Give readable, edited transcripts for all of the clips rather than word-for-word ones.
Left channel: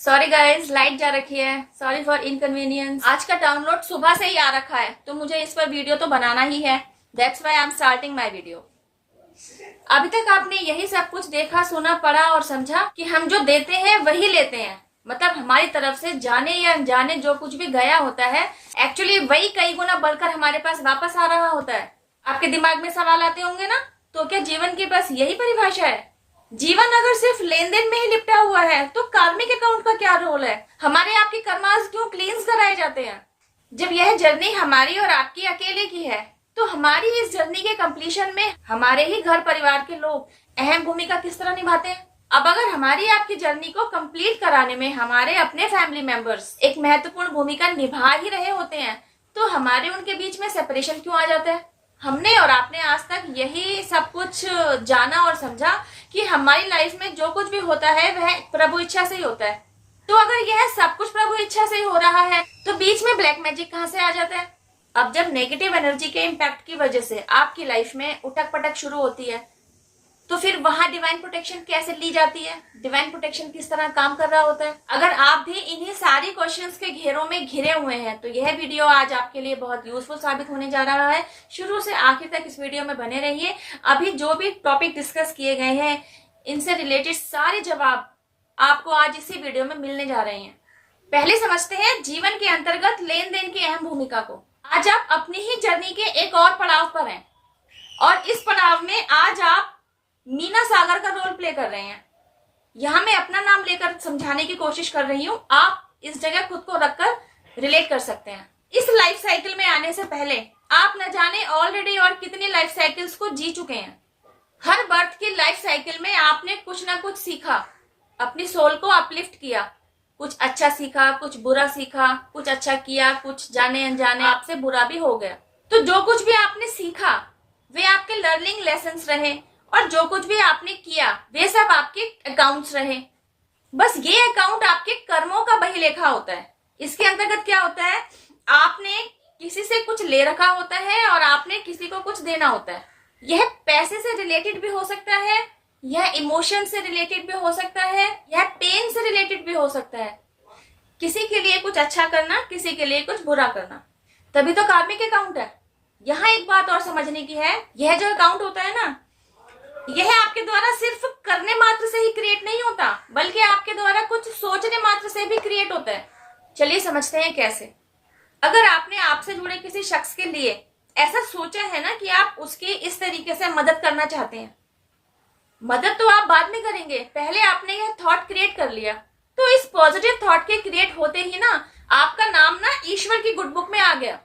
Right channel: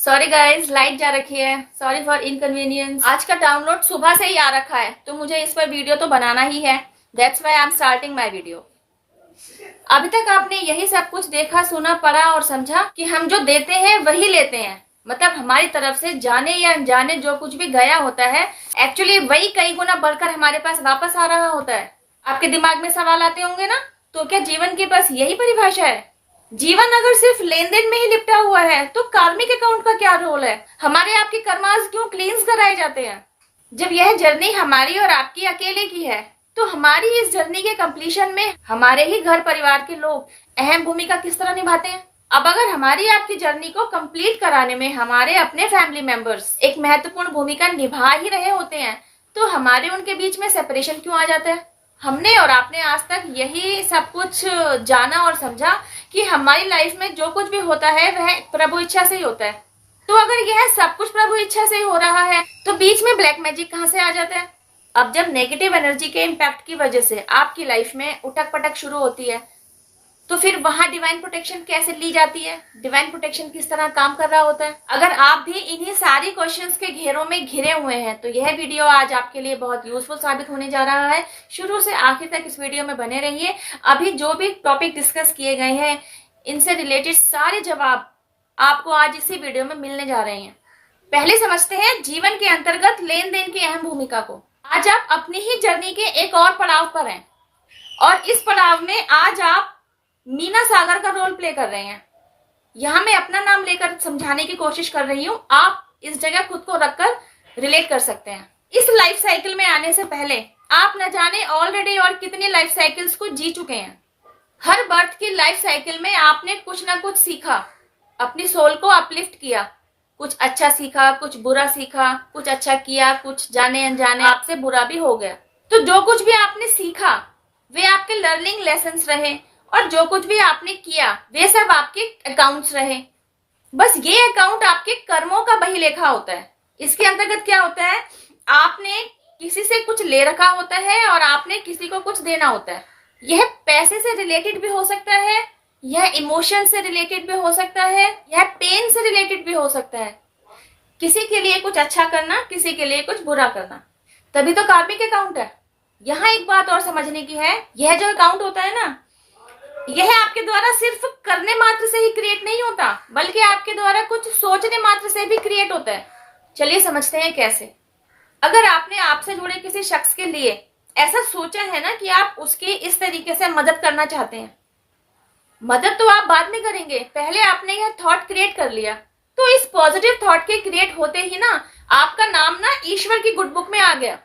Sorry guys, light जा रखी है। Sorry for inconvenience. आज का डाउनलोड सुबह से ही आ रखा है तो मुझे इस पर वीडियो तो बनाना ही है। That's why I am starting my video. अभी तक आपने यही सब कुछ देखा, सुना, पढ़ा और समझा कि हम जो देते हैं वही लेते हैं। मतलब हमारी तरफ से जाने या अनजाने जो कुछ भी गया होता है, एक्चुअली वही कई गुना बढ़कर हमारे पास वापस आ रहा होता है। आपके दिमाग में सवाल आते होंगे ना, तो क्या जीवन की बस यही परिभाषा है? जीवन अगर सिर्फ लेन देन में ही लिपटा हुआ है तो कार्मिक अकाउंट का क्या रोल है? हमारे आपके कर्मास क्यों क्लींस कराए जाते हैं? जब यह जर्नी हमारी और आपकी अकेले की है तो हमारी इस जर्नी के कंप्लीशन में हमारे ही घर परिवार के लोग अहम भूमिका किस तरह निभाते हैं? अब अगर हमारी आपकी जर्नी को कंप्लीट कराने में हमारे अपने फैमिली मेंबर्स एक महत्वपूर्ण भूमिका निभा ही रहे होते हैं तो हमारे उनके बीच में सेपरेशन क्यों आ जाता है? हमने और आपने आज तक यही सब कुछ जाना और समझा कि हमारी लाइफ में जो कुछ भी होता है वह प्रभु इच्छा से ही होता है। तो अगर यह सब कुछ प्रभु इच्छा से ही हो रहा है तो बीच में ब्लैक मैजिक कहाँ से आ जाता है? अब जब नेगेटिव एनर्जी के इम्पैक्ट की वजह से आपकी लाइफ में उठक पटक शुरू होती है तो फिर वहां डिवाइन प्रोटेक्शन कैसे ली जाती है? डिवाइन प्रोटेक्शन किस तरह काम कर रहा होता है? अगर आप भी इन्हीं सारी क्वेश्चंस के घेरों में घिरे हुए हैं तो यह वीडियो आज आपके लिए बहुत यूजफुल साबित होने जा रहा है। शुरू से आखिर तक इस वीडियो में बने रहिए। अभी जो भी टॉपिक डिस्कस किए गए हैं इनसे रिलेटेड सारे जवाब आपको आज इसी वीडियो में मिलने जा रहे हैं। पहले समझते हैं जीवन के अंतर्गत लेन देन की अहम भूमिका को। आज आप अपनी ही जर्नी के एक और पड़ाव पर हैं और इस पड़ाव में आज आप मीना सागर का रोल प्ले कर रहे हैं। यहां मैं अपना नाम लेकर समझाने की कोशिश कर रही हूं, आप इस जगह खुद को रखकर रिलेट कर सकते हैं। इस लाइफ साइकिल में आने से पहले आप न जाने ऑलरेडी और कितनी लाइफ साइकिल्स को जी चुके हैं। हर बर्थ की लाइफ साइकिल में आपने कुछ ना कुछ सीखा, अपनी सोल को अपलिफ्ट किया, कुछ अच्छा सीखा, कुछ बुरा सीखा, कुछ अच्छा किया, कुछ जाने अनजाने आपसे बुरा भी हो गया। तो जो कुछ भी आपने सीखा वे आपके लर्निंग लेसन्स रहे और जो कुछ भी आपने किया वे सब आपके अकाउंट्स रहे। बस ये अकाउंट आपके कर्मों का बही लेखा होता है। इसके अंतर्गत क्या होता है? आपने किसी से कुछ ले रखा होता है और आपने किसी को कुछ देना होता है। यह पैसे से रिलेटेड भी हो सकता है, यह इमोशन से रिलेटेड भी हो सकता है, यह पेन से रिलेटेड भी हो सकता है। किसी के लिए कुछ अच्छा करना, किसी के लिए कुछ बुरा करना, तभी तो कार्मिक अकाउंट है। यहाँ एक बात और समझने की है, यह जो अकाउंट होता है ना, यह आपके द्वारा सिर्फ करने मात्र से ही क्रिएट नहीं होता बल्कि आपके द्वारा कुछ सोचने मात्र से भी क्रिएट होता है। चलिए समझते हैं कैसे। अगर आपने आपसे जुड़े किसी शख्स के लिए ऐसा सोचा है ना कि आप उसकी इस तरीके से मदद करना चाहते हैं, मदद तो आप बाद में करेंगे, पहले आपने यह थॉट क्रिएट कर लिया, तो इस पॉजिटिव थॉट के क्रिएट होते ही ना आपका नाम ना ईश्वर की गुड बुक में आ गया।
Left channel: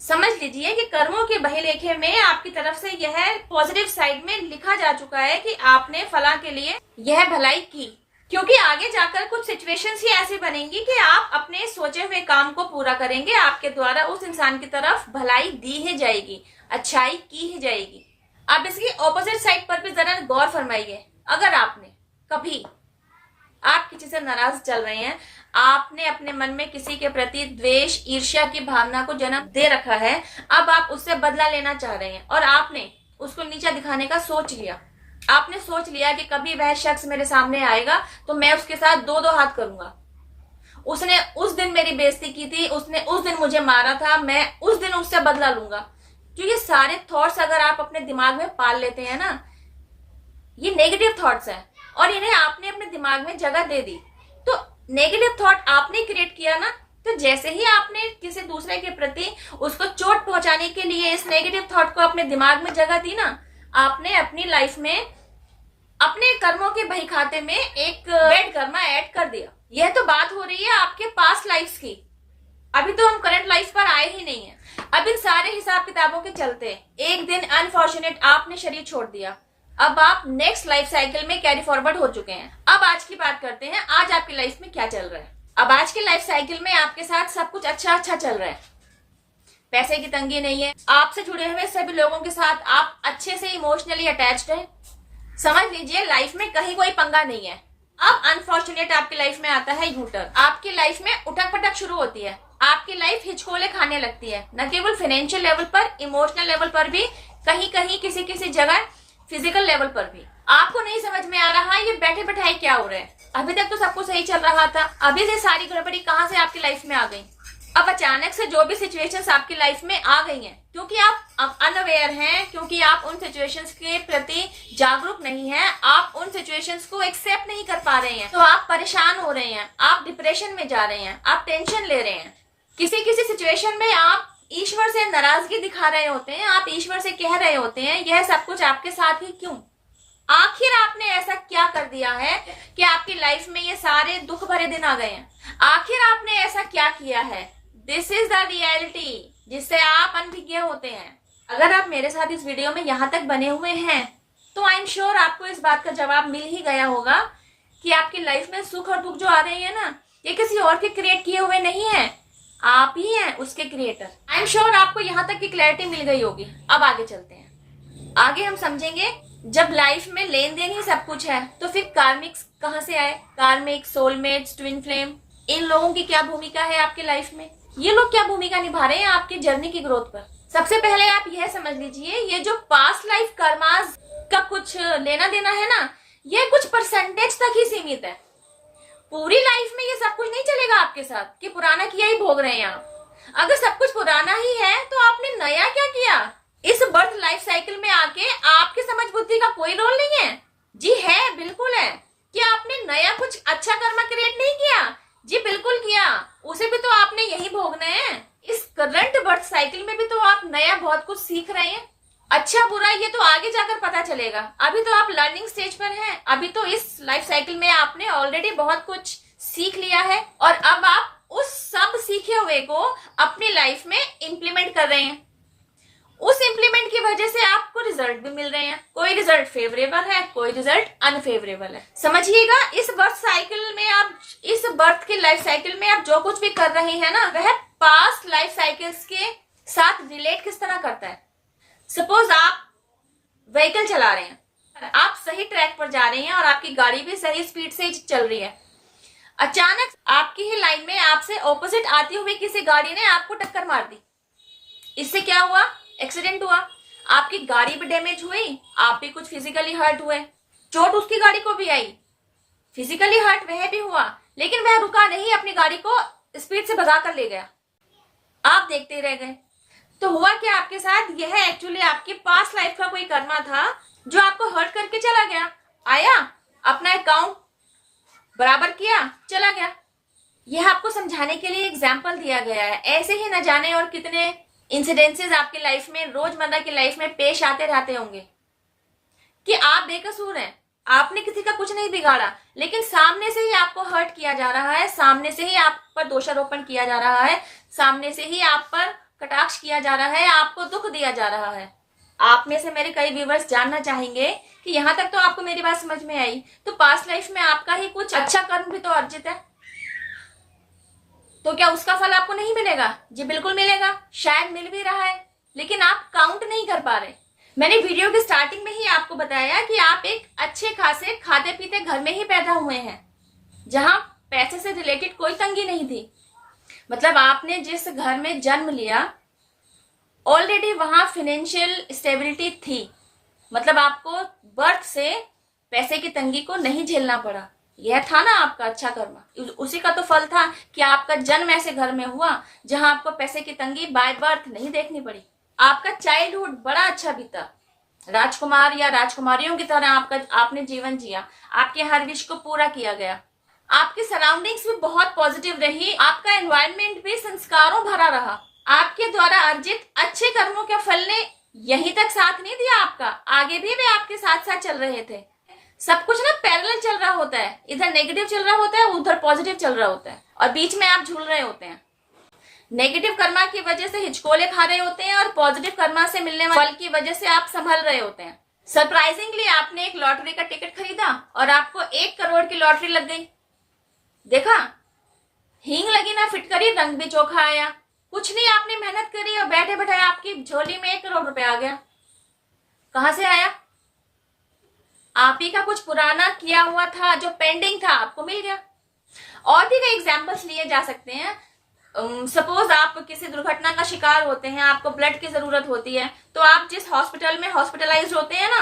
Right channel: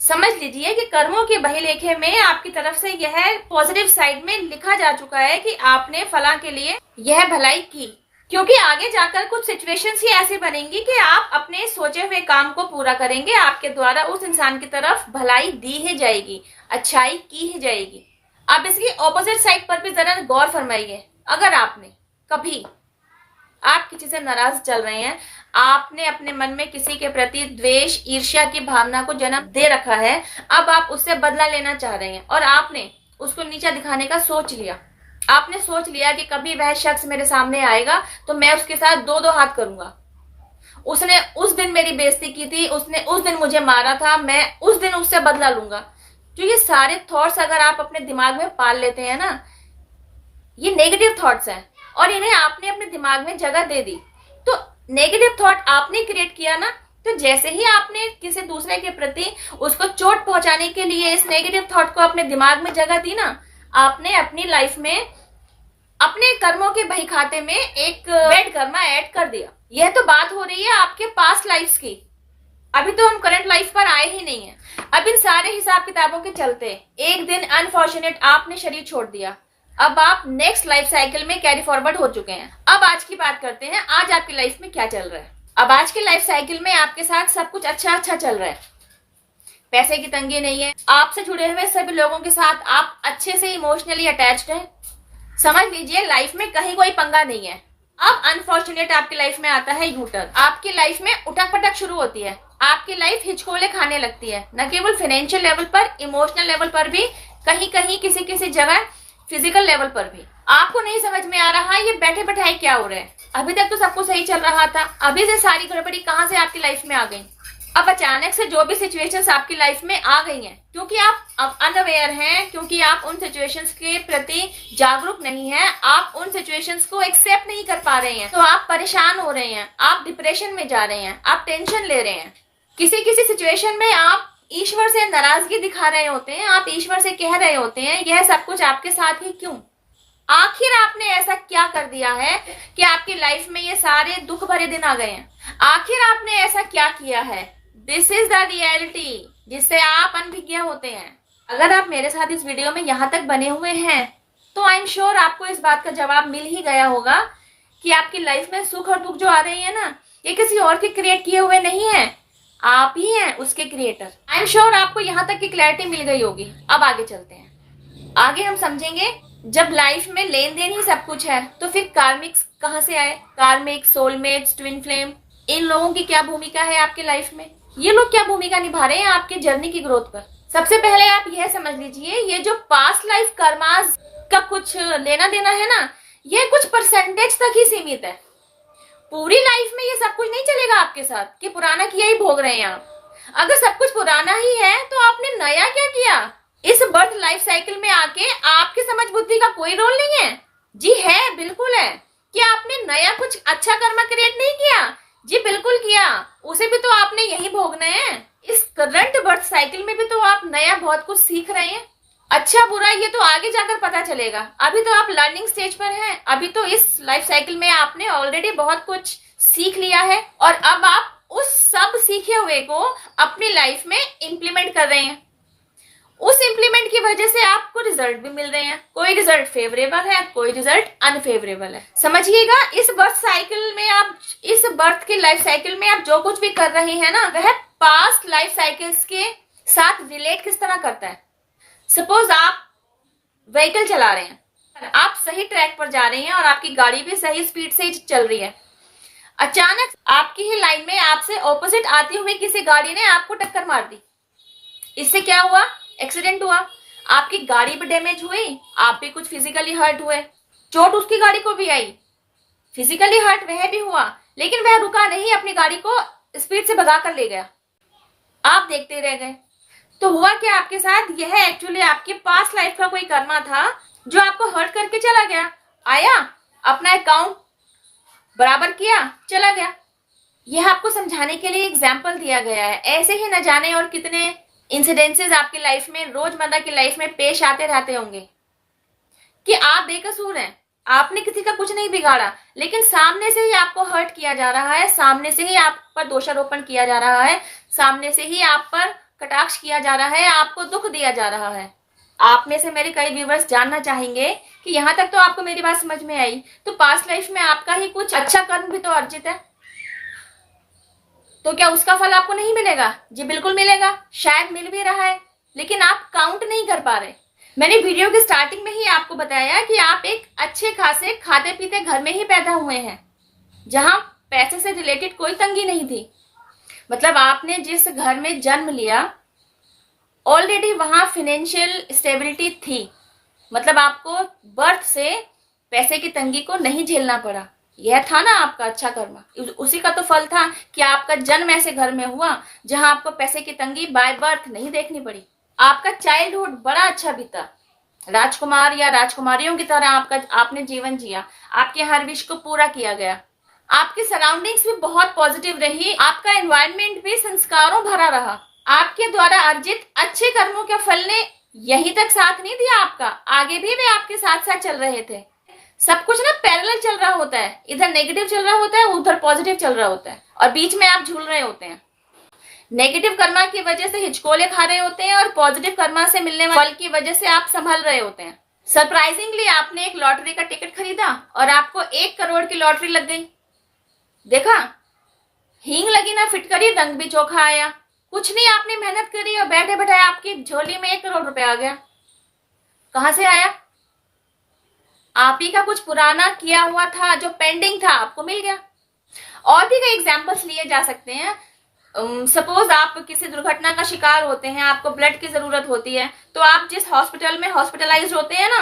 समझ लीजिए कि कर्मों के बहीलेखे में आपकी तरफ से यह पॉजिटिव साइड में लिखा जा चुका है कि आपने फला के लिए यह भलाई की, क्योंकि आगे जाकर कुछ सिचुएशंस ही ऐसी बनेंगी कि आप अपने सोचे हुए काम को पूरा करेंगे। आपके द्वारा उस इंसान की तरफ भलाई दी ही जाएगी, अच्छाई की ही जाएगी। अब इसकी ऑपोजिट साइड पर भी जरा गौर फरमाइए। अगर आपने कभी आप किसी से नाराज चल रहे हैं, आपने अपने मन में किसी के प्रति द्वेष, ईर्ष्या की भावना को जन्म दे रखा है, अब आप उससे बदला लेना चाह रहे हैं और आपने उसको नीचा दिखाने का सोच लिया। आपने सोच लिया कि कभी वह शख्स मेरे सामने आएगा तो मैं उसके साथ दो दो हाथ करूंगा। उसने उस दिन मेरी बेइज्जती की थी, उसने उस दिन मुझे मारा था, मैं उस दिन उससे बदला लूंगा। तो ये सारे थॉट्स अगर आप अपने दिमाग में पाल लेते हैं ना, ये नेगेटिव थॉट्स हैं और इन्हें आपने अपने दिमाग में जगह दे दी। तो नेगेटिव थॉट आपने क्रिएट किया ना, तो जैसे ही आपने किसी दूसरे के प्रति उसको चोट पहुंचाने के लिए इस नेगेटिव थॉट को अपने दिमाग में जगह दी ना, आपने अपनी लाइफ में अपने कर्मों के बही खाते में एक बैड कर्मा ऐड कर दिया। यह तो बात हो रही है आपके पास्ट लाइफ की, अभी तो हम करंट लाइफ पर आए ही नहीं है। अब इन सारे हिसाब किताबों के चलते एक दिन अनफॉर्चुनेट आपने शरीर छोड़ दिया, अब आप नेक्स्ट लाइफ साइकिल में कैरी फॉरवर्ड हो चुके हैं। अब आज की बात करते हैं, आज आपकी लाइफ में क्या चल रहा है। अब आज की लाइफ साइकिल में आपके साथ सब कुछ अच्छा चल रहा है, पैसे की तंगी नहीं है, आपसे जुड़े हुए सभी लोगों के साथ आप अच्छे से इमोशनली अटैच्ड हैं। समझ लीजिए लाइफ में कहीं कोई पंगा नहीं है। अब अनफॉर्चुनेट आपकी लाइफ में आता है यूटर्न, आपकी लाइफ में उठक पटक शुरू होती है, आपकी लाइफ हिचकोले खाने लगती है, न केवल फाइनेंशियल लेवल पर, इमोशनल लेवल पर भी कहीं कहीं किसी किसी जगह फिजिकल लेवल पर भी। आपको नहीं समझ में आ रहा ये बैठे बैठाए क्या हो रहा है, अभी तक तो सब कुछ सही चल रहा था, अभी से सारी गड़बड़ी कहां से आपकी लाइफ में आ गई। अब अचानक से जो भी सिचुएशंस आपकी लाइफ में आ गई हैं, क्योंकि आप अनअवेयर हैं, क्योंकि आप उन सिचुएशंस के प्रति जागरूक नहीं हैं, आप उन सिचुएशंस को एक्सेप्ट नहीं कर पा रहे हैं, तो आप परेशान हो रहे हैं, आप डिप्रेशन में जा रहे हैं, आप टेंशन ले रहे हैं। किसी किसी सिचुएशन में आप ईश्वर से नाराजगी दिखा रहे होते हैं, आप ईश्वर से कह रहे होते हैं यह सब कुछ आपके साथ ही क्यों। आखिर आपने ऐसा क्या कर दिया है कि आपकी लाइफ में ये सारे दुख भरे दिन आ गए हैं। आखिर आपने ऐसा क्या किया है। दिस इज द रियलिटी जिससे आप अनभिज्ञ होते हैं। अगर आप मेरे साथ इस वीडियो में यहाँ तक बने हुए हैं तो आई एम श्योर आपको इस बात का जवाब मिल ही गया होगा कि आपकी लाइफ में सुख और दुख जो आ रहे हैं ना, ये किसी और के क्रिएट किए हुए नहीं है, आप ही हैं उसके क्रिएटर। आई एम श्योर आपको यहाँ तक की क्लैरिटी मिल गई होगी। अब आगे चलते हैं। आगे हम समझेंगे जब लाइफ में लेन देन ही सब कुछ है तो फिर कार्मिक्स कहाँ से आए। कार्मिक, सोलमेट्स, ट्विन फ्लेम, इन लोगों की क्या भूमिका है आपकी लाइफ में, ये लोग क्या भूमिका निभा रहे हैं आपकी जर्नी की ग्रोथ पर। सबसे पहले आप यह समझ लीजिए, ये जो पास्ट लाइफ कर्मास का कुछ लेना देना है ना, ये कुछ परसेंटेज तक ही सीमित है। पूरी लाइफ में ये सब कुछ नहीं चलेगा आपके साथ कि पुराना किया ही भोग रहे हैं आप। अगर सब कुछ पुराना ही है तो आपने नया क्या किया। इस बर्थ लाइफ साइकिल में आके आपकी समझ बुद्धि का कोई रोल नहीं है। जी है, बिल्कुल है। कि आपने नया कुछ अच्छा कर्म क्रिएट नहीं किया। जी बिल्कुल किया, उसे भी तो आपने यही भोगना है। इस करंट बर्थ साइकिल में भी तो आप नया बहुत कुछ सीख रहे हैं। अच्छा बुरा ये तो आगे जाकर पता चलेगा, अभी तो आप लर्निंग स्टेज पर हैं। अभी तो इस लाइफ साइकिल में आपने ऑलरेडी बहुत कुछ सीख लिया है और अब आप उस सब सीखे हुए को अपनी लाइफ में इंप्लीमेंट कर रहे हैं। उस इंप्लीमेंट की वजह से आपको रिजल्ट भी मिल रहे हैं। कोई रिजल्ट फेवरेबल है, कोई रिजल्ट अनफेवरेबल है। समझिएगा, इस बर्थ साइकिल में आप, इस बर्थ के लाइफ साइकिल में आप जो कुछ भी कर रहे हैं ना, वह पास्ट लाइफ साइकिल्स के साथ रिलेट किस तरह करता है। सपोज आप व्हीकल चला रहे हैं, आप सही ट्रैक पर जा रहे हैं और आपकी गाड़ी भी सही स्पीड से चल रही है। अचानक आपकी ही लाइन में आपसे ऑपोजिट आती हुई किसी गाड़ी ने आपको टक्कर मार दी। इससे क्या हुआ, एक्सीडेंट हुआ, आपकी गाड़ी भी डैमेज हुई, आप भी कुछ फिजिकली हर्ट हुए, चोट उसकी गाड़ी को भी आई, फिजिकली हर्ट वह भी हुआ, लेकिन वह रुका नहीं, अपनी गाड़ी को स्पीड से भगा कर ले गया। आप देखते रह गए। तो हुआ क्या आपके साथ, यह एक्चुअली आपके पास्ट लाइफ का कोई कर्मा था जो आपको हर्ट करके चला गया। आया, अपना अकाउंट बराबर किया, चला गया। यह आपको समझाने के लिए एग्जाम्पल दिया गया है। ऐसे ही न जाने और कितने इंसिडेंसेस आपकी लाइफ में, रोजमर्रा की लाइफ में पेश आते रहते होंगे कि आप बेकसूर हैं, आपने किसी का कुछ नहीं बिगाड़ा, लेकिन सामने से ही आपको हर्ट किया जा रहा है, सामने से ही आप पर दोषारोपण किया जा रहा है, सामने से ही आप पर कटाक्ष किया जा रहा है, आपको दुख दिया जा रहा है। आप में से मेरे कई व्यूवर्स जानना चाहेंगे कि यहाँ तक तो आपको मेरी बात समझ में आई, तो पास्ट लाइफ में आपका ही कुछ अच्छा कर्म भी तो अर्जित है, तो क्या उसका फल आपको नहीं मिलेगा। जी बिल्कुल मिलेगा, शायद मिल भी रहा है, लेकिन आप काउंट नहीं कर पा रहे। मैंने वीडियो की स्टार्टिंग में ही आपको बताया कि आप एक अच्छे खासे खाते पीते घर में ही पैदा हुए हैं, जहां पैसे से रिलेटेड कोई तंगी नहीं थी। मतलब आपने जिस घर में जन्म लिया ऑलरेडी वहां फाइनेंशियल स्टेबिलिटी थी, मतलब आपको बर्थ से पैसे की तंगी को नहीं झेलना पड़ा। यह था ना आपका अच्छा कर्म, उसी का तो फल था कि आपका जन्म ऐसे घर में हुआ जहां आपको पैसे की तंगी बाय बर्थ नहीं देखनी पड़ी। आपका चाइल्डहुड बड़ा अच्छा बीता, राजकुमार या राजकुमारियों की तरह आपने जीवन जिया, आपके हर विश को पूरा किया गया, आपकी सराउंडिंग्स भी बहुत पॉजिटिव रही, आपका एनवायरनमेंट भी संस्कारों भरा रहा। आपके द्वारा अर्जित अच्छे कर्मों के फल ने यहीं तक साथ नहीं दिया आपका, आगे भी वे आपके साथ साथ चल रहे थे। सब कुछ ना पैरेलल चल रहा होता है, इधर नेगेटिव चल रहा होता है, उधर पॉजिटिव चल रहा होता है, और बीच में आप झूल रहे होते हैं। नेगेटिव कर्मा की वजह से हिचकोले खा रहे होते हैं और पॉजिटिव कर्मा से मिलने वाले फल की वजह से आप संभल रहे होते हैं। सरप्राइजिंगली आपने एक लॉटरी का टिकट खरीदा और आपको 1 करोड़ की लॉटरी लग गई। देखा, हींग लगी ना फिटकरी, रंग भी चोखा आया। कुछ नहीं, आपने मेहनत करी और बैठे बैठे आपकी झोली में 1 करोड़ रुपए आ गया। कहां से आया, आप ही का कुछ पुराना किया हुआ था जो पेंडिंग था, आपको मिल गया। और भी कई एग्जांपल्स लिए जा सकते हैं। सपोज आप किसी दुर्घटना का शिकार होते हैं, आपको ब्लड की जरूरत होती है, तो आप जिस हॉस्पिटल में हॉस्पिटलाइज होते हैं ना,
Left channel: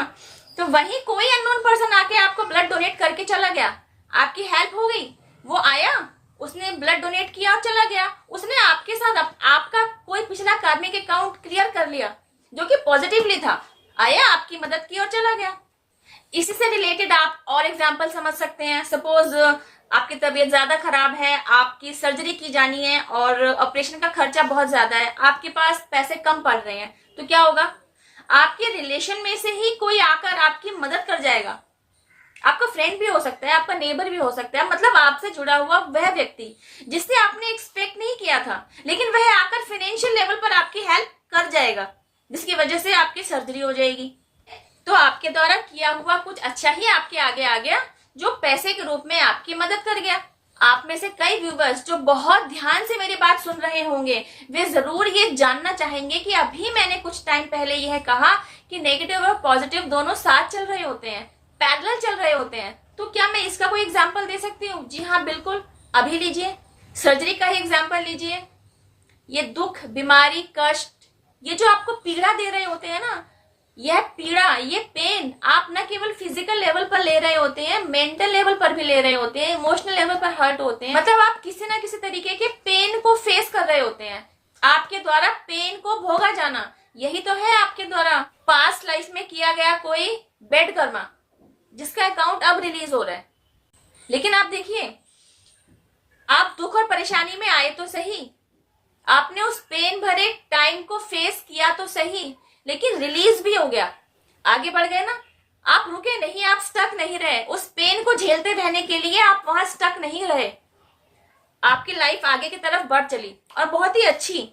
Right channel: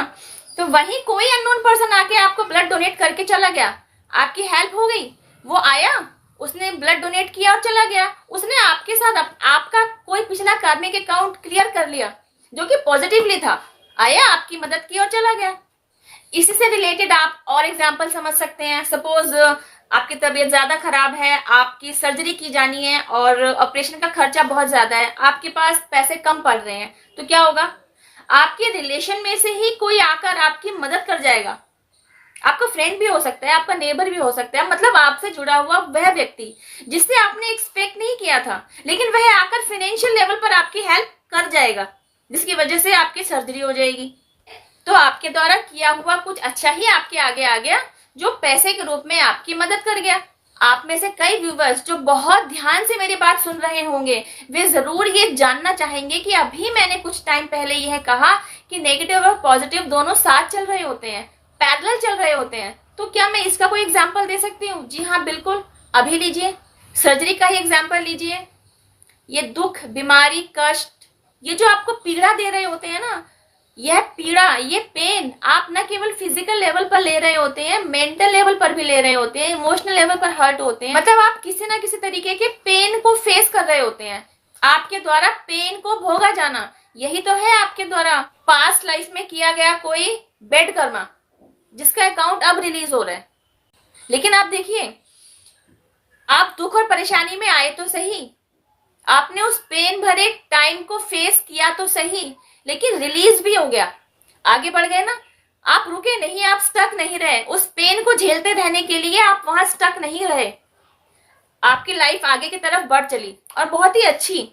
तो वहीं कोई अननोन पर्सन आके आपको ब्लड डोनेट करके चला गया, आपकी हेल्प हो गई, वो आया, उसने ब्लड डोनेट किया और चला गया, उसने आपके साथ आपका कोई पिछला कार्मिक अकाउंट क्लियर कर लिया जो कि पॉजिटिवली था, आया, आपकी मदद की और चला गया। इसी से रिलेटेड आप और एग्जांपल समझ सकते हैं। सपोज आपकी तबीयत ज्यादा खराब है, आपकी सर्जरी की जानी है और ऑपरेशन का खर्चा बहुत ज्यादा है, आपके पास पैसे कम पड़ रहे हैं, तो क्या होगा, आपके रिलेशन में से ही कोई आकर आपकी मदद कर जाएगा। आपका फ्रेंड भी हो सकता है, आपका नेबर भी हो सकता है, मतलब आपसे जुड़ा हुआ वह व्यक्ति जिससे आपने एक्सपेक्ट नहीं किया था, लेकिन वह आकर फाइनेंशियल लेवल पर आपकी हेल्प कर जाएगा, जिसकी वजह से आपकी सर्जरी हो जाएगी। तो आपके द्वारा किया हुआ कुछ अच्छा ही आपके आगे आ गया, जो पैसे के रूप में आपकी मदद कर गया। आप में से कई व्यूवर्स जो बहुत ध्यान से मेरी बात सुन रहे होंगे, वे जरूर ये जानना चाहेंगे कि अभी मैंने कुछ टाइम पहले यह कहा कि नेगेटिव और पॉजिटिव दोनों साथ चल रहे होते हैं, पैरेलल चल रहे होते हैं, तो क्या मैं इसका कोई एग्जाम्पल दे सकती हूँ? जी हाँ, बिल्कुल। अभी लीजिए, सर्जरी का ही एग्जाम्पल लीजिए। ये दुख, बीमारी, कष्ट, ये जो आपको पीड़ा दे रहे होते हैं ना, यह पीड़ा, ये पेन आप न केवल फिजिकल लेवल पर ले रहे होते हैं, मेंटल लेवल पर भी ले रहे होते हैं, इमोशनल लेवल पर हर्ट होते हैं, मतलब आप किसी ना किसी तरीके के पेन को फेस कर रहे होते हैं। आपके द्वारा पेन को भोगा जाना, यही तो है आपके द्वारा पास्ट लाइफ में किया गया कोई बेड कर्मा, जिसका अकाउंट अब रिलीज हो रहा है। लेकिन आप देखिए, आप दुख और परेशानी में आए तो सही, आपने उस पेन भरे टाइम को फेस किया तो सही, लेकिन रिलीज भी हो गया, आगे बढ़ गए ना। आप रुके नहीं, आप स्टक नहीं रहे, उस पेन को झेलते रहने के लिए आप वहां स्टक नहीं रहे, आपकी लाइफ आगे की तरफ बढ़ चली और बहुत ही अच्छी।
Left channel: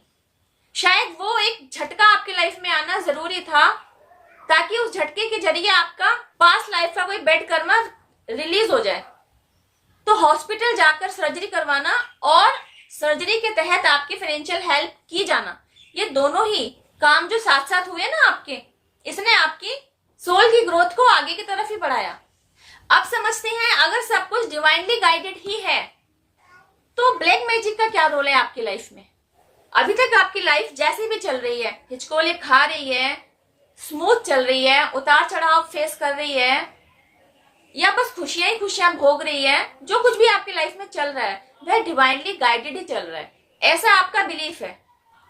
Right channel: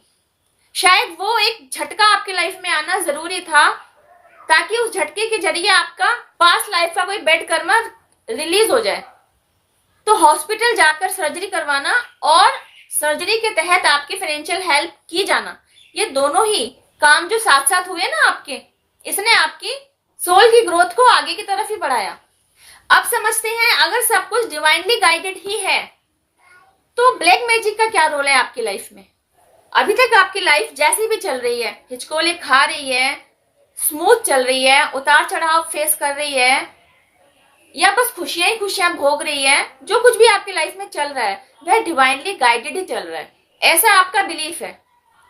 शायद वो एक झटका आपकी लाइफ में आना जरूरी था, ताकि उस झटके के जरिए आपका पास्ट लाइफ का कोई बेड कर्मा रिलीज हो जाए। तो हॉस्पिटल जाकर सर्जरी करवाना और सर्जरी के तहत आपकी फाइनेंशियल हेल्प की जाना, ये दोनों ही काम जो साथ साथ हुए ना आपके, इसने आपकी सोल की ग्रोथ को आगे की तरफ ही बढ़ाया। अब समझते हैं, अगर सब कुछ डिवाइनली गाइडेड ही है, तो ब्लैक मैजिक का क्या रोल है आपकी लाइफ में? अभी तक आपकी लाइफ जैसी भी चल रही है, हिचकोले खा रही है, स्मूथ चल रही है, उतार चढ़ाव फेस कर रही है, या बस खुशियां ही खुशियां भोग रही है, जो कुछ भी आपकी लाइफ में चल रहा है वह डिवाइनली गाइडेड ही चल रहा है, ऐसा आपका बिलीफ है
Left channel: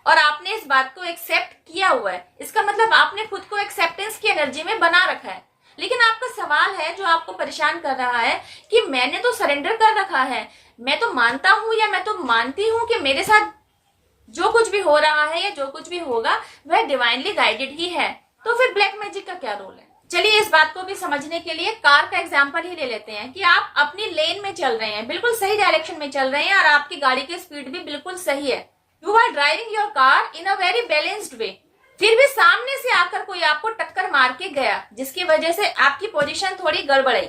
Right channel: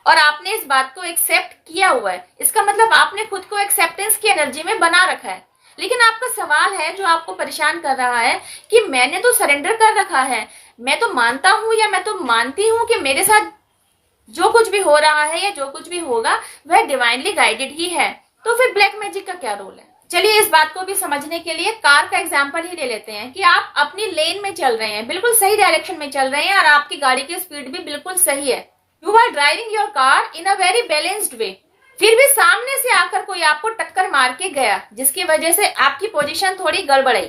और आपने इस बात को एक्सेप्ट किया हुआ है। इसका मतलब आपने खुद को एक्सेप्टेंस की एनर्जी में बना रखा है। लेकिन आपका सवाल है जो आपको परेशान कर रहा है कि मैंने तो सरेंडर कर रखा है, मैं तो मानता हूं या मैं तो मानती हूं कि मेरे साथ जो कुछ भी हो रहा है या जो कुछ भी होगा वह डिवाइनली गाइडेड ही है, तो फिर ब्लैक मैजिक का क्या रोल है? चलिए इस बात को भी समझने के लिए कार का एग्जांपल ही ले लेते हैं कि आप अपनी लेन में चल रहे हैं, बिल्कुल सही डायरेक्शन में चल रहे हैं और आपकी गाड़ी की स्पीड भी बिल्कुल सही है। You are driving your car in a very balanced way, फिर भी सामने से आकर कोई आपको टक्कर मार के गया, जिसकी वजह से आपकी पोजीशन थोड़ी गड़बड़ाई।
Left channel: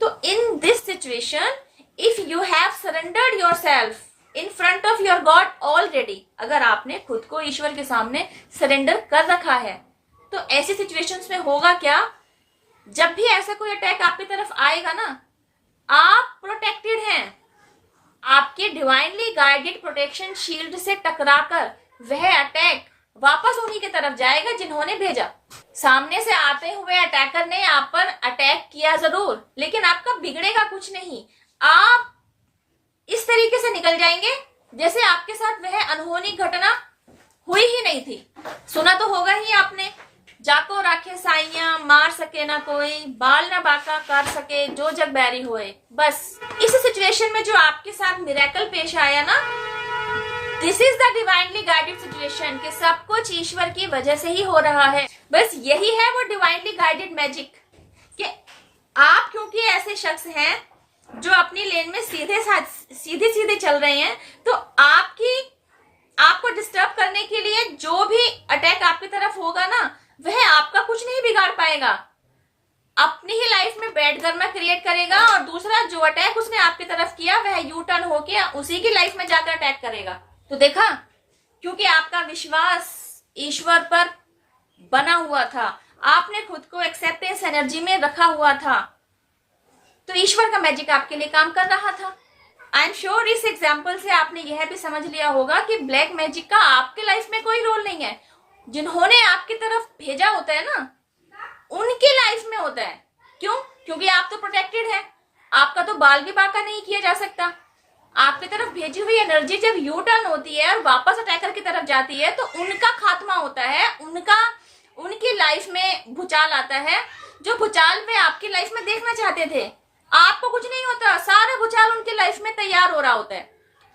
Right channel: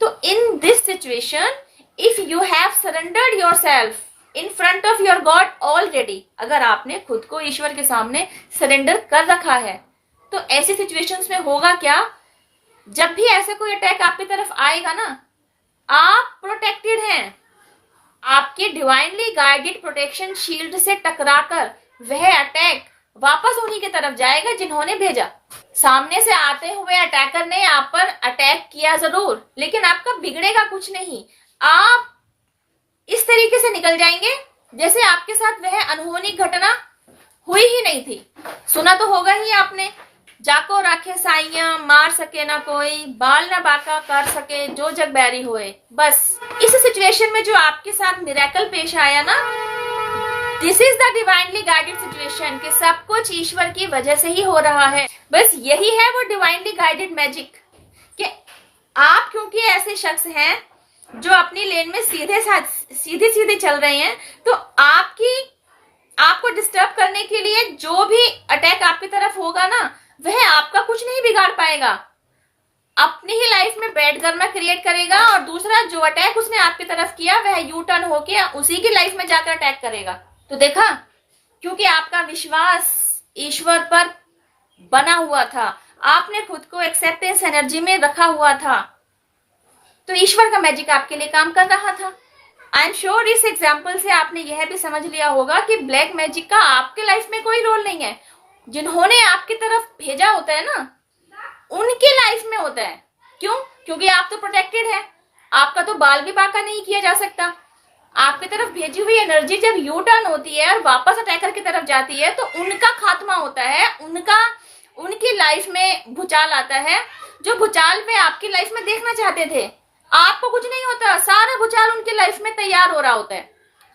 तो in this situation, if you have surrendered yourself in front of your God already, अगर आपने खुद को ईश्वर के सामने सरेंडर कर रखा है, तो ऐसी सिचुएशंस में होगा क्या, जब भी ऐसा कोई अटैक आपकी तरफ आएगा ना, आप प्रोटेक्टेड हैं। आपके डिवाइनली गाइडेड प्रोटेक्शन शील्ड से टकराकर वह अटैक वापस उन्हीं की तरफ जाएगा जिन्होंने भेजा। सामने से आते हुए अटैकर ने आप पर अटैक किया जरूर, लेकिन आपका बिगड़ेगा कुछ नहीं। आप इस तरीके से निकल जाएंगे जैसे आपके साथ वह अनहोनी घटना हुई ही नहीं थी। सुना तो होगा ही आपने, जाको राखे साइया मार सके ना कोई, बाल ना बाका कर सके जो जग बैरी होए। बस इस सिचुएशन में जो आपके साथ मिरेकल पेश आया ना, this is the divinely guided situation, कि सब कुछ ईश्वर की वजह से ही हो रहा है। बस यही है वो डिवाइनली गाइडेड मैजिक, कि आप क्योंकि ऐसे शख्स हैं जो अपनी लेन में सीधे चल रहे हैं, तो आपको डिस्टर्ब करने के लिए जो भी अटैक आपकी तरफ होगा ना, वह आपका कुछ नहीं बिगाड़ पाएगा, अपनी ही लाइफ में बैड कर्मा क्रिएट करेगा, और दूसरा जो अटैक उसने आपकी तरफ किया वह यू टर्न होके उसी की लाइफ में जाकर अटैक करेगा। तो देखा, क्योंकि आपका विश्वास ईश्वर पर बना हुआ था, आपने खुद को एक्सेप्टेंस एनर्जी में रखा हुआ था, तो ईश्वर का मैजिक आपके लिए काम कर रहा था। आई एम श्योर इस एग्जाम्पल से आपने यह भी समझ लिया होगा कि ब्लैक मैजिक का आपके लाइफ में कोई रोल नहीं है। जिन्होंने आपकी तरफ भेजा होता है ना, उनकी लाइफ में होता है। क्यों? क्योंकि आप तो प्रोटेक्टेड है, आपका तो बाल भी बांका नहीं किया जा सकता। आपकी तरफ भेजी हुई एनर्जी जब यू टर्न होती है और वापस अटैकर की तरफ जाती है तो उनका खात्मा होता है, उनकी लाइफ में भूचाल आता है, जो भूचाल वे आपकी लाइफ में देखना चाहते थे। आपको कुछ नहीं होता, सारा भूचाल उनकी लाइफ में तैयार हो रहा होता है,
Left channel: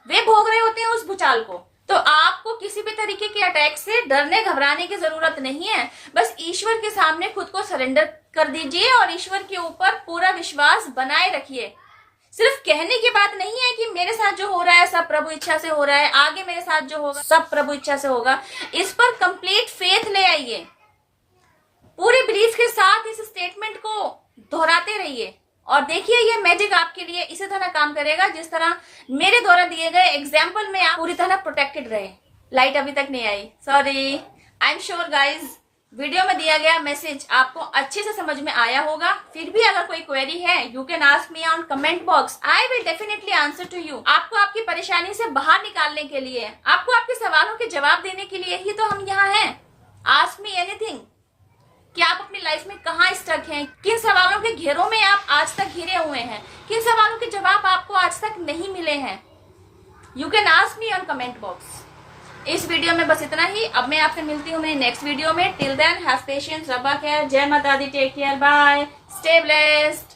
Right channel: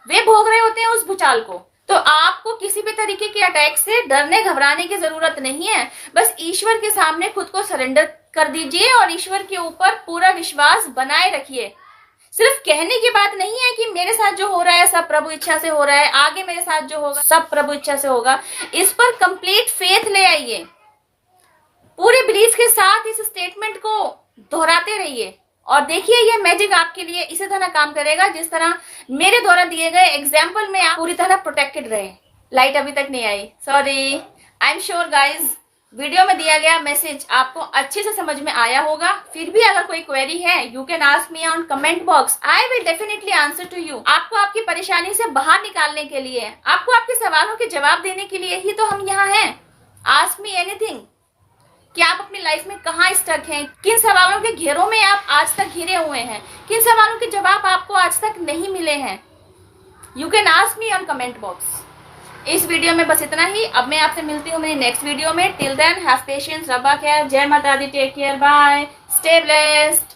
वे भोग रहे होते हैं उस भूचाल को। तो आपको किसी भी तरीके के अटैक से डरने घबराने की जरूरत नहीं है। बस ईश्वर के सामने खुद को सरेंडर कर दीजिए और ईश्वर के ऊपर पूरा विश्वास बनाए रखिए। सिर्फ कहने की बात नहीं है कि मेरे साथ जो हो रहा है सब प्रभु इच्छा से हो रहा है, आगे मेरे साथ जो होगा सब प्रभु इच्छा से होगा। इस पर कंप्लीट फेथ ले आइए, पूरे बिलीफ के साथ इस स्टेटमेंट को दोहराते रहिए और देखिए ये मैजिक आपके लिए इसी तरह काम करेगा जिस तरह मेरे द्वारा दिए गए एग्जाम्पल में आप पूरी तरह प्रोटेक्टेड रहे। लाइट अभी तक नहीं आई, sorry. I am sure guys video में दिया गया मैसेज आपको अच्छे से समझ में आया होगा। फिर भी अगर कोई क्वेरी है you can ask me on comment box, I will definitely answer to you. आपको आपकी परेशानी से बाहर निकालने के लिए, आपको आपके सवालों के जवाब देने के लिए ही तो हम यहाँ हैं। आस्क मी एनीथिंग कि आप अपनी लाइफ में कहाँ स्टक हैं, किन सवालों के घेरों में आप आज तक घिरे हुए हैं, किन सवालों के जवाब आपको आज तक नहीं मिले हैं। You can ask me on comment box. इस वीडियो में बस इतना ही। अब मैं आपसे मिलती हूँ मेरी नेक्स्ट वीडियो में। टिल देन हैव पेशेंस, रब्बा खैर, जय माता दी, take care, bye, stay blessed.